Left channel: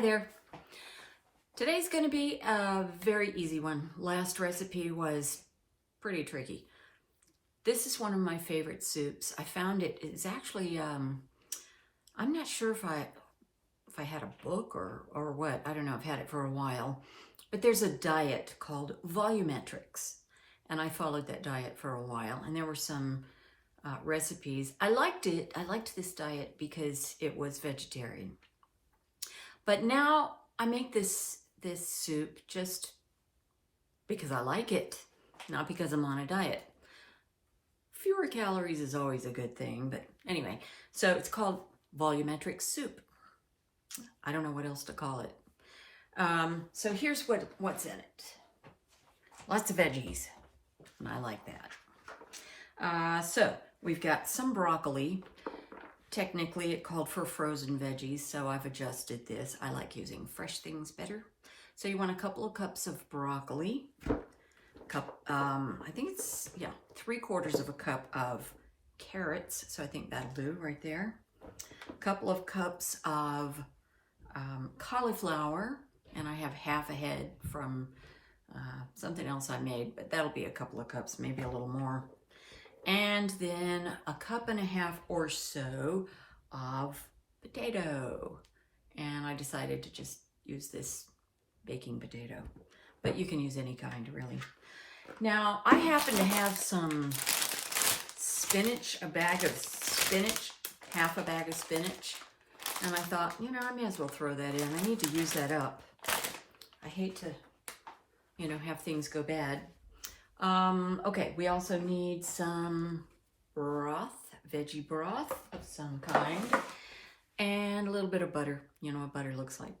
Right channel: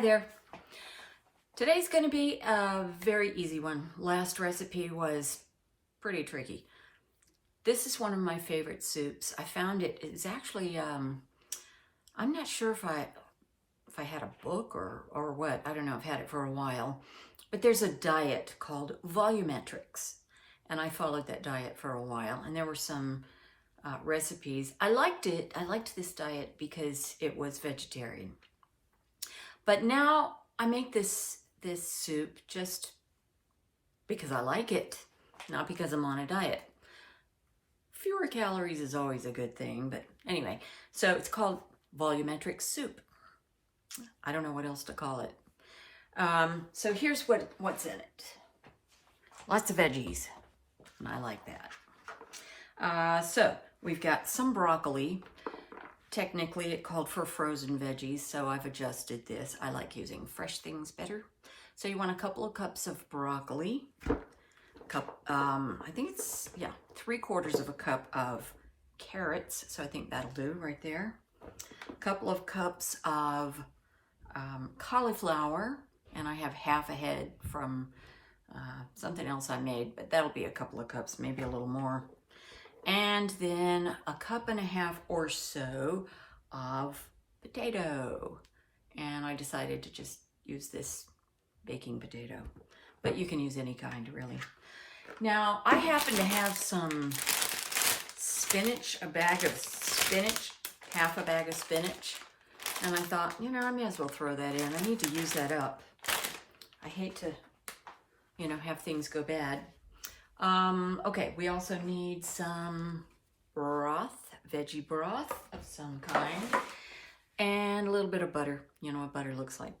Hi there. Today's going to be a very easy one. Last recipe was pretty tricky. This is one of my favorite soups. I found it is actually, I'm not sure if I had a book or what. I don't know. I've had it for a while. But there's a diet called Volumetrics. And I followed that diet for a while. And there were some recipes. I liked it. I liked this diet because it was vegetarian. But now I make this soup just because I like it, not because I'm on a diet. Fewer calories is always a good thing, but anyway. So it's called Volumetrics Soup. I don't know what else to call it. So here's what's in it. Lots of veggies, and I like that. So we've got some broccoli. Technically, it called for frozen veggies, so I've adjusted this. I like using fresh things better. So you want a couple of cups of broccoli. I think it's, 3/4 of a cup of carrots. So I think that'll do right there. A couple of cups of cauliflower. And I have half a head from something else I made, but that'll be a couple of cups, maybe a little more. And then a cup and a half or so of potato. And I decided to just use this baking potato, but you can use any kind really. Now I happen to have some spinach, a bag of spinach, half a bag of spinach. And I thought, I may as well throw that in. I need to use that up. I hate to, have things go bad. Okay, we also need some broth, veggie broth of some kind, and a little bit of butter. You know what butter looks like.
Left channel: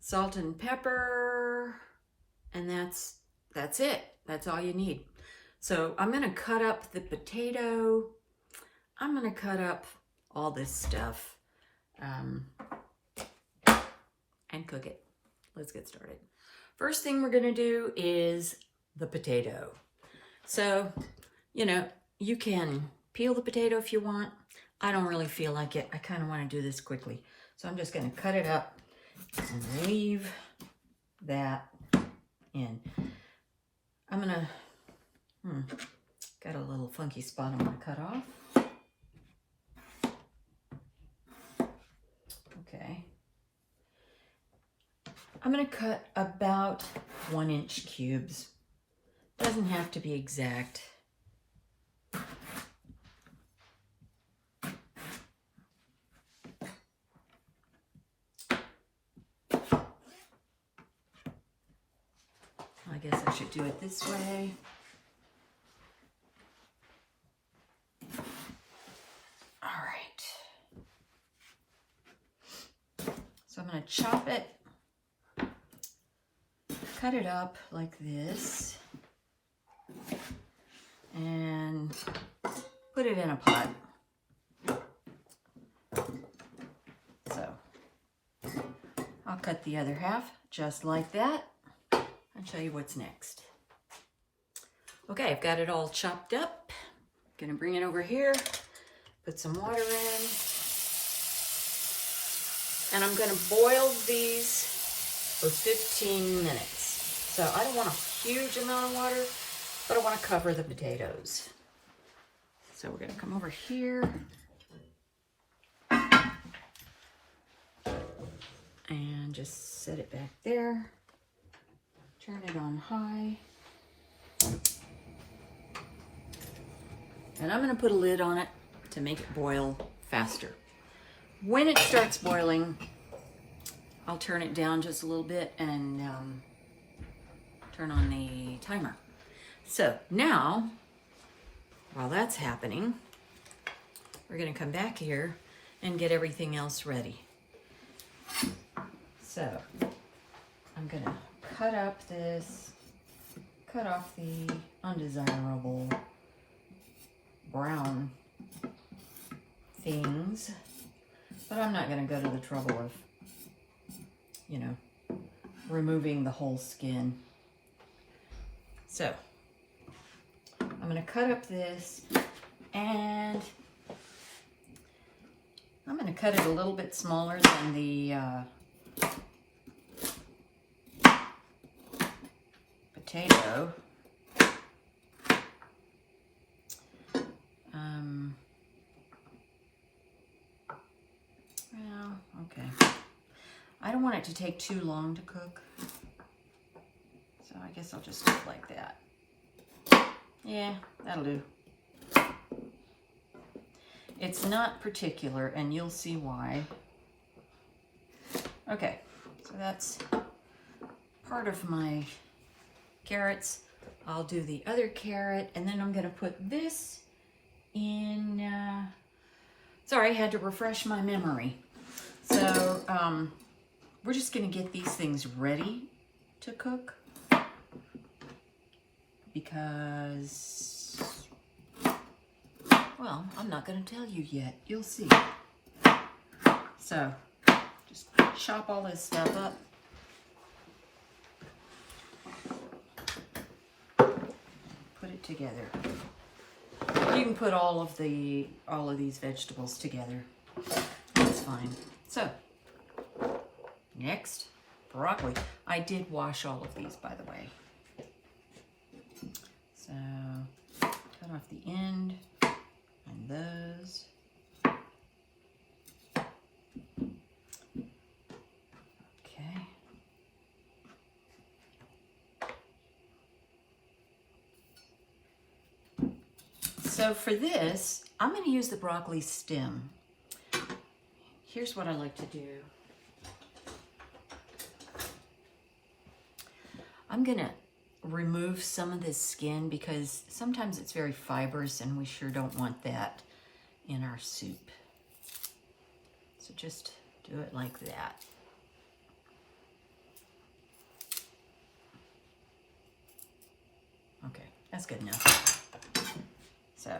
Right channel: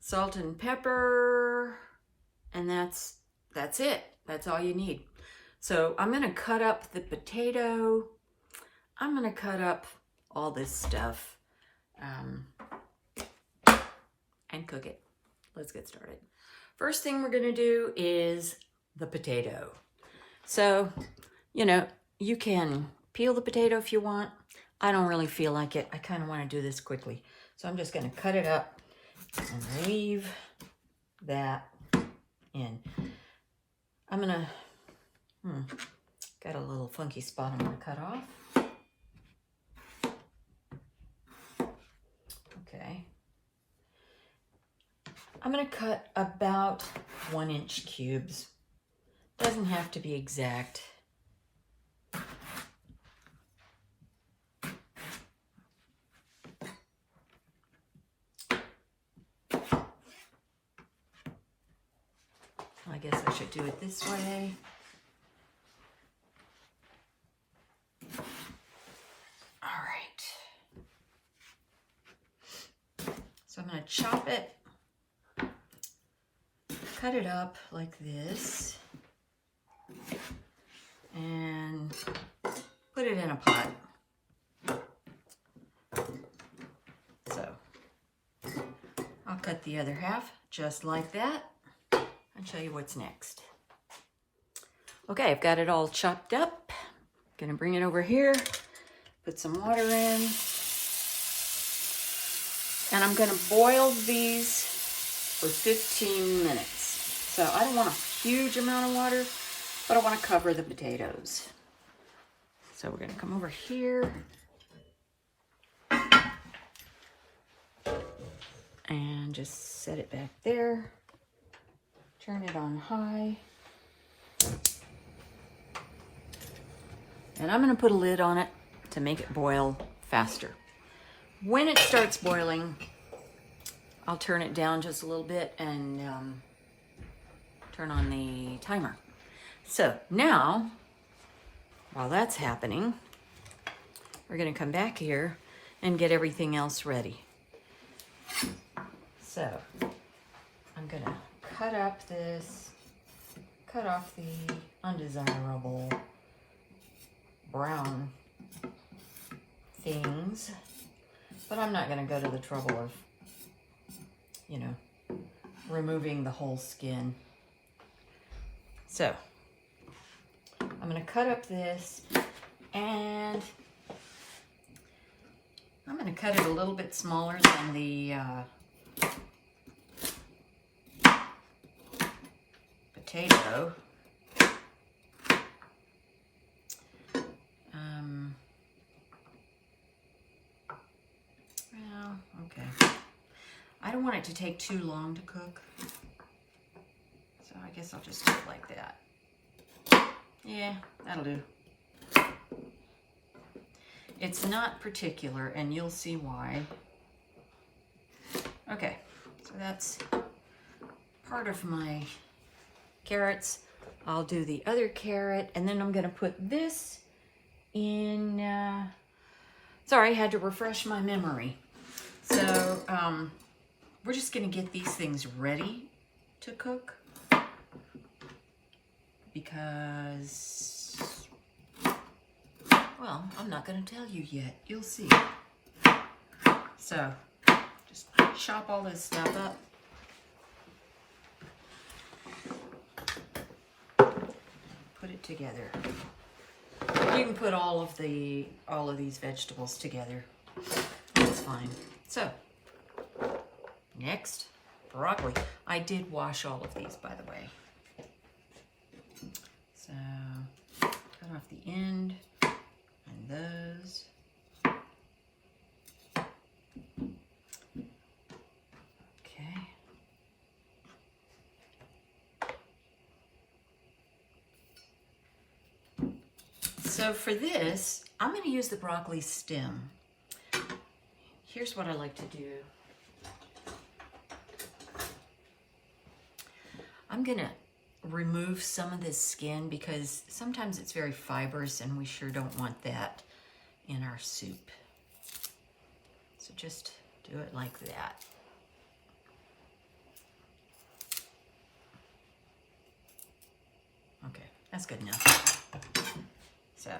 Salt and pepper, and that's it. That's all you need. So I'm gonna cut up the potato. I'm gonna cut up all this stuff and cook it. Let's get started. First thing we're gonna do is the potato. So, you can peel the potato if you want. I don't really feel like it. I kind of want to do this quickly. So I'm just going to cut it up and leave that in. I'm going to, got a little funky spot I'm going to cut off. Okay. I'm going to cut about 1-inch cubes. Doesn't have to be exact. I guess I should do it this way. All right. So I'm going to chop it, cut it up like this, and put it in a pot. So I'll cut the other half just like that and show you what's next. Okay, I've got it all chopped up. Gonna bring it over here, put some water in, and I'm gonna boil these for 15 minutes. So I don't want a huge amount of water, but I want to cover the potatoes. So we're going to come over here and just set it back there. Turn it on high. And I'm going to put a lid on it to make it boil faster. When it starts boiling, I'll turn it down just a little bit and turn on the timer. So now, while that's happening, we're going to come back here and get everything else ready. So I'm going to cut off the undesirable brown things, but I'm not going to go to the trouble of, removing the whole skin. So I'm going to cut up this, and I'm going to cut it a little bit smaller than the potato. Well, okay. I don't want it to take too long to cook, so I guess I'll just do it like that. Yeah, that'll do. It's not particular, and you'll see why. Okay, so that's part of my carrots. I'll do the other carrot, and then I'm gonna put this in, sorry, I had to refresh my memory. So, we're just gonna get these things ready to cook because, well, I'm not gonna tell you yet. You'll see. So, just chop all this stuff up. Put it together. You can put all of these vegetables together. That's fine. So, next, broccoli. I did wash all of these, by the way. So, cut off the end and those. Okay. So for this, I'm going to use the broccoli stem. Here's what I like to do. I'm going to remove some of this skin because sometimes it's very fibrous and we sure don't want that in our soup. So just do it like that. Okay, that's good enough. So,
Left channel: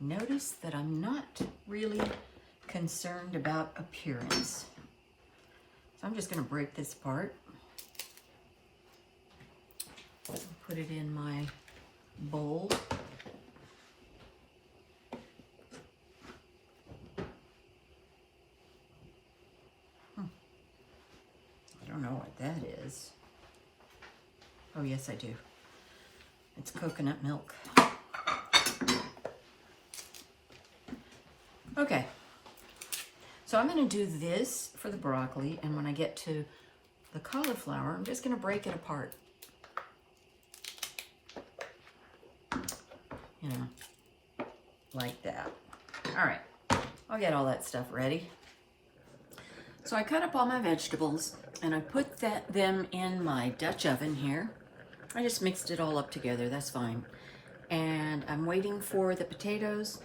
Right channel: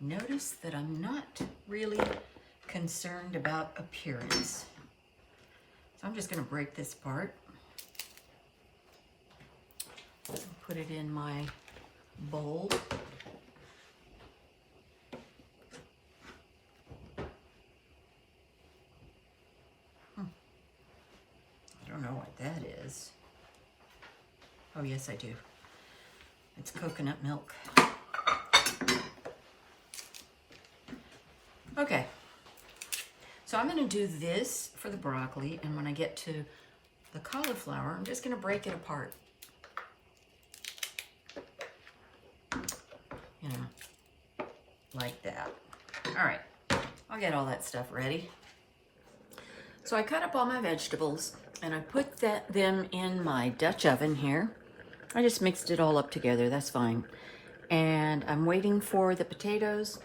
notice that I'm not really concerned about appearance. So I'm just going to break this apart. Put it in my bowl. I don't know what that is. Oh, yes, I do. It's coconut milk. Okay. So I'm going to do this for the broccoli, and when I get to the cauliflower, I'm just going to break it apart. You know, like that. All right. I'll get all that stuff ready. So I cut up all my vegetables and I put them in my Dutch oven here. I just mixed it all up together, that's fine. And I'm waiting for the potatoes.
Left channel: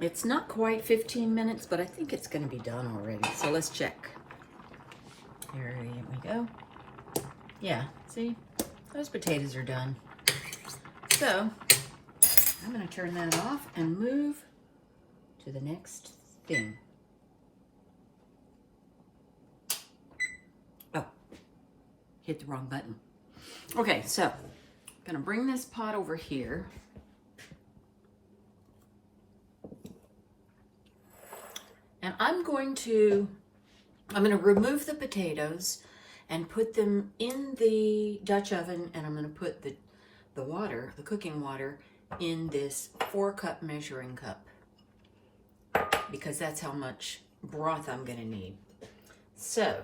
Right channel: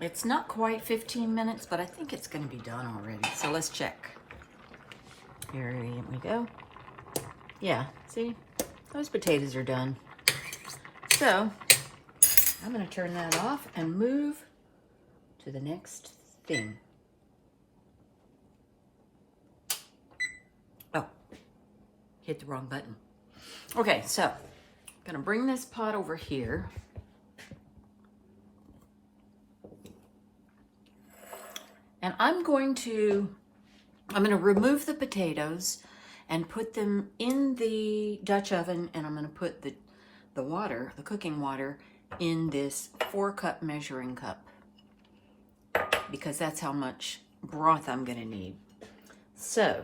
It's not quite 15 minutes, but I think it's gonna be done already. So let's check. Here we go. Yeah, see, those potatoes are done. So I'm gonna turn that off and move to the next thing. Hit the wrong button. Okay, so I'm gonna bring this pot over here. And I'm gonna remove the potatoes and put them in the Dutch oven, and I'm gonna put the water, the cooking water, in this 4-cup measuring cup because that's how much broth I'm gonna need. So,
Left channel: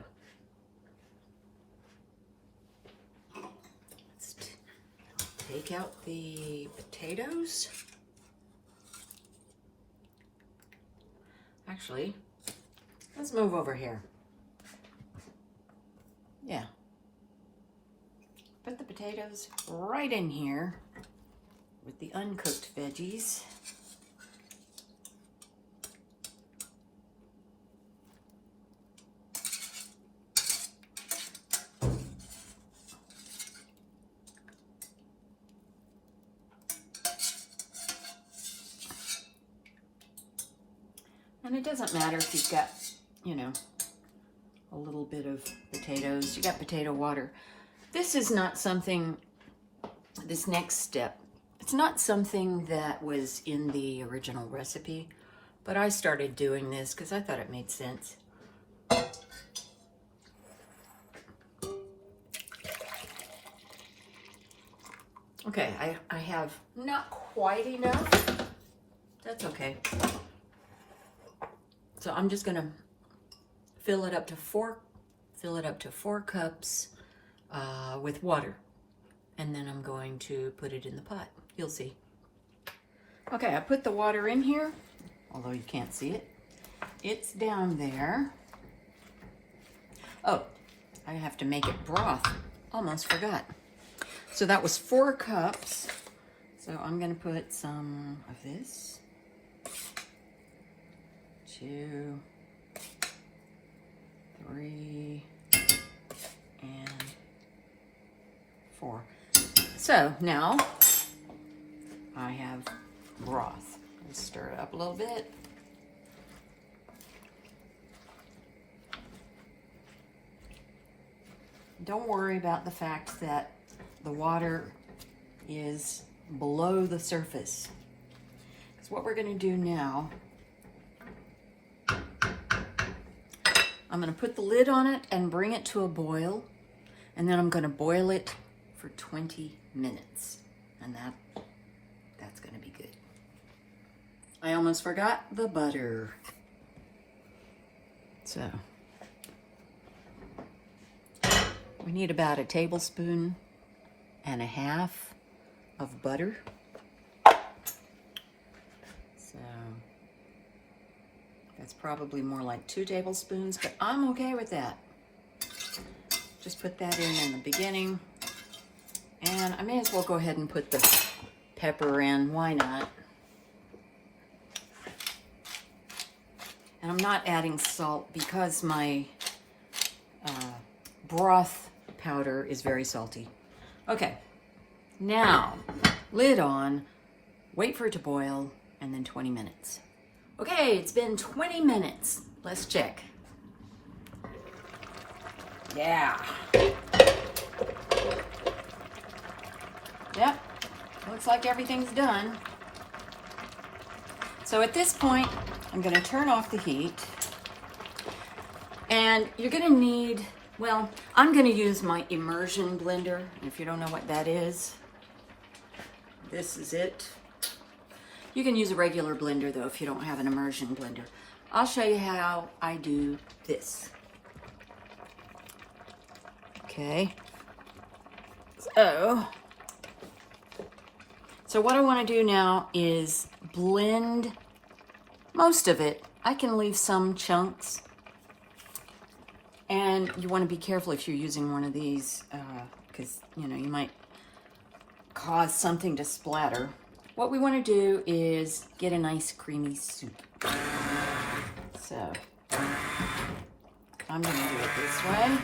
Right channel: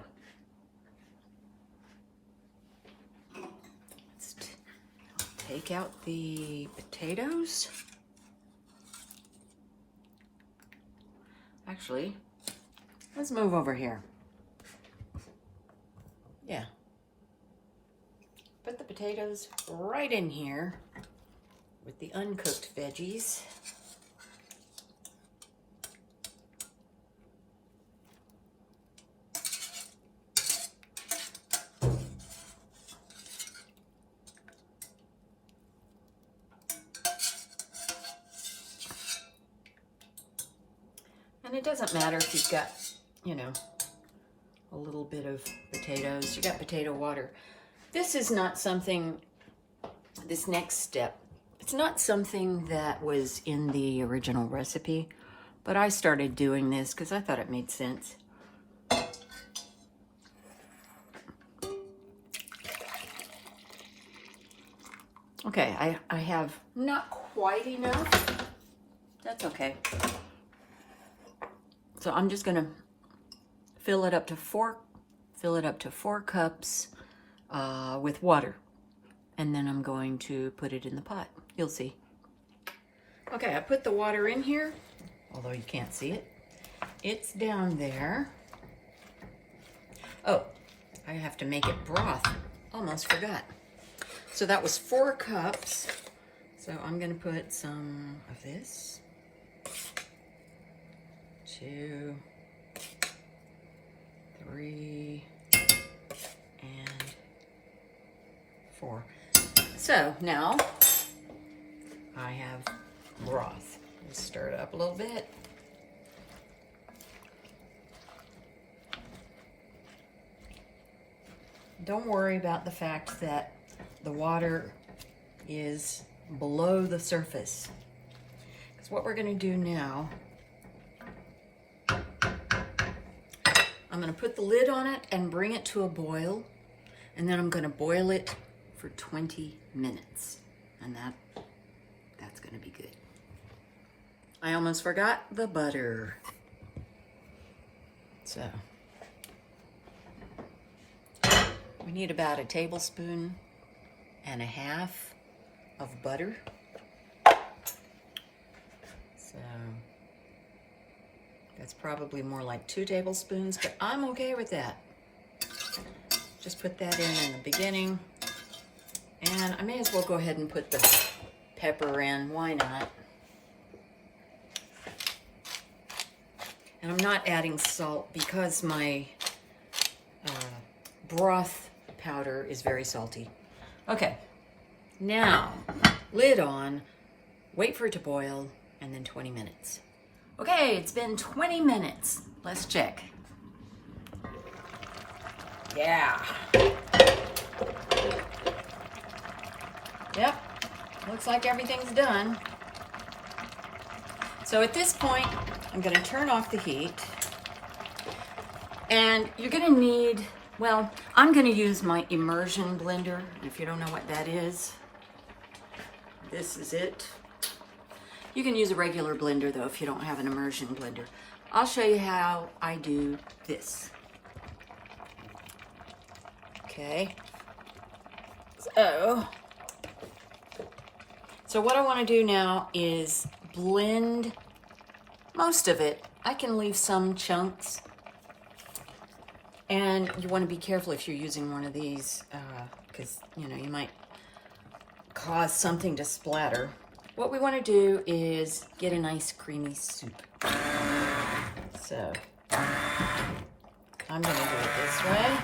take out the potatoes. Actually, let's move over here. Yeah. Put the potatoes right in here with the uncooked veggies. And it doesn't matter if you've got, you know, a little bit of potatoes. You got potato water. This is not something, this next step, It's not something that was in the original recipe, but I started doing this because I thought it made sense. Okay, I have not quite enough. That's okay. So I'm just gonna fill it up to four cups with water, and then I'm going to put it in the pot. You'll see. Okay, I put the water in here, although you can't see it. It's down there. Oh, I have to make it broth. Almost forgot. So that was 4 cups. So I'm gonna put some of this. 2, 3, and 4. So now I have broth. Just stir it up a little bit. Don't worry about the fact that the water is below the surface. Because what we're going to do now, I'm going to put the lid on it and bring it to a boil, and then I'm going to boil it for 20 minutes, and that's going to be good. I almost forgot the butter. So we need about 1.5 tablespoons of butter. So that's probably more like 2 tablespoons, but I'm okay with that. Just put that in the beginning. And I may as well go ahead and put the pepper in. Why not? And I'm not adding salt because my broth powder is very salty. Okay, now lid on, wait for it to boil, and then 20 minutes. Okay, it's been 20 minutes. Let's check. Yeah. Yep, looks like everything's done. So at this point, I'm going to turn off the heat. And you're going to need, well, I'm going to use my immersion blender. And if you don't know what that is, this is it. You can use a regular blender, though, if you don't have an immersion blender. I'll show you how I do this. Okay. So what I want to do now is blend most of it. I can leave some chunks. And you want to be careful if you're using one of these, because, you know, you might cause something to splatter. What we want to do is get a nice creamy soup. So I'm going to do it this way.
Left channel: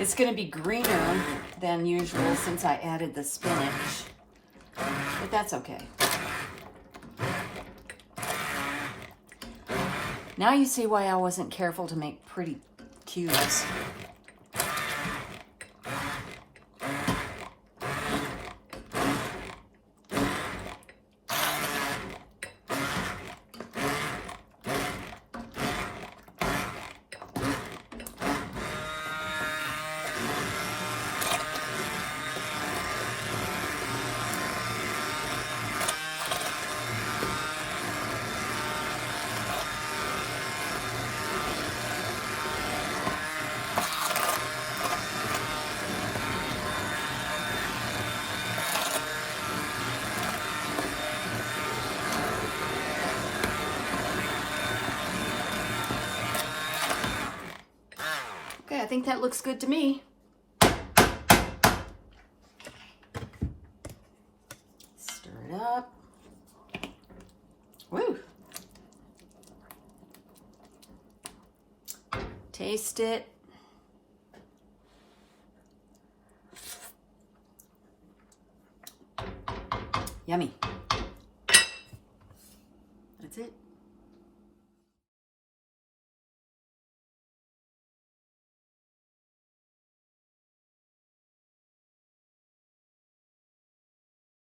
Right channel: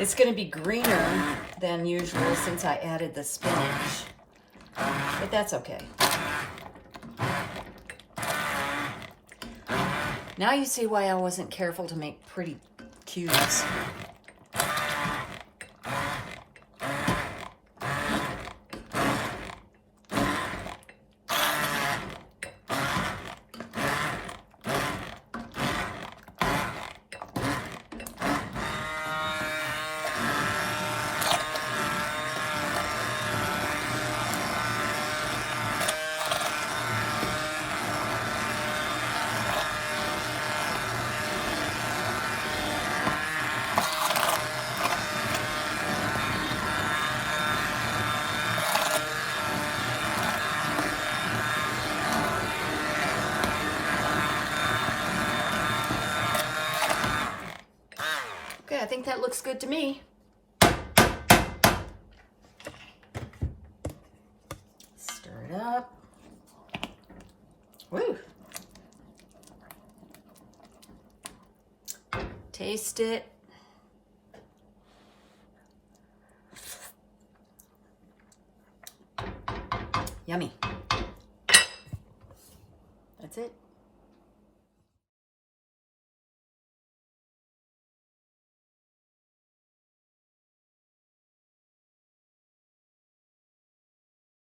It's going to be greener than usual since I added the spinach, but that's okay. Now you see why I wasn't careful to make pretty cubes. Okay, I think that looks good to me. Stir it up. Woo! Taste it. Yummy. That's it.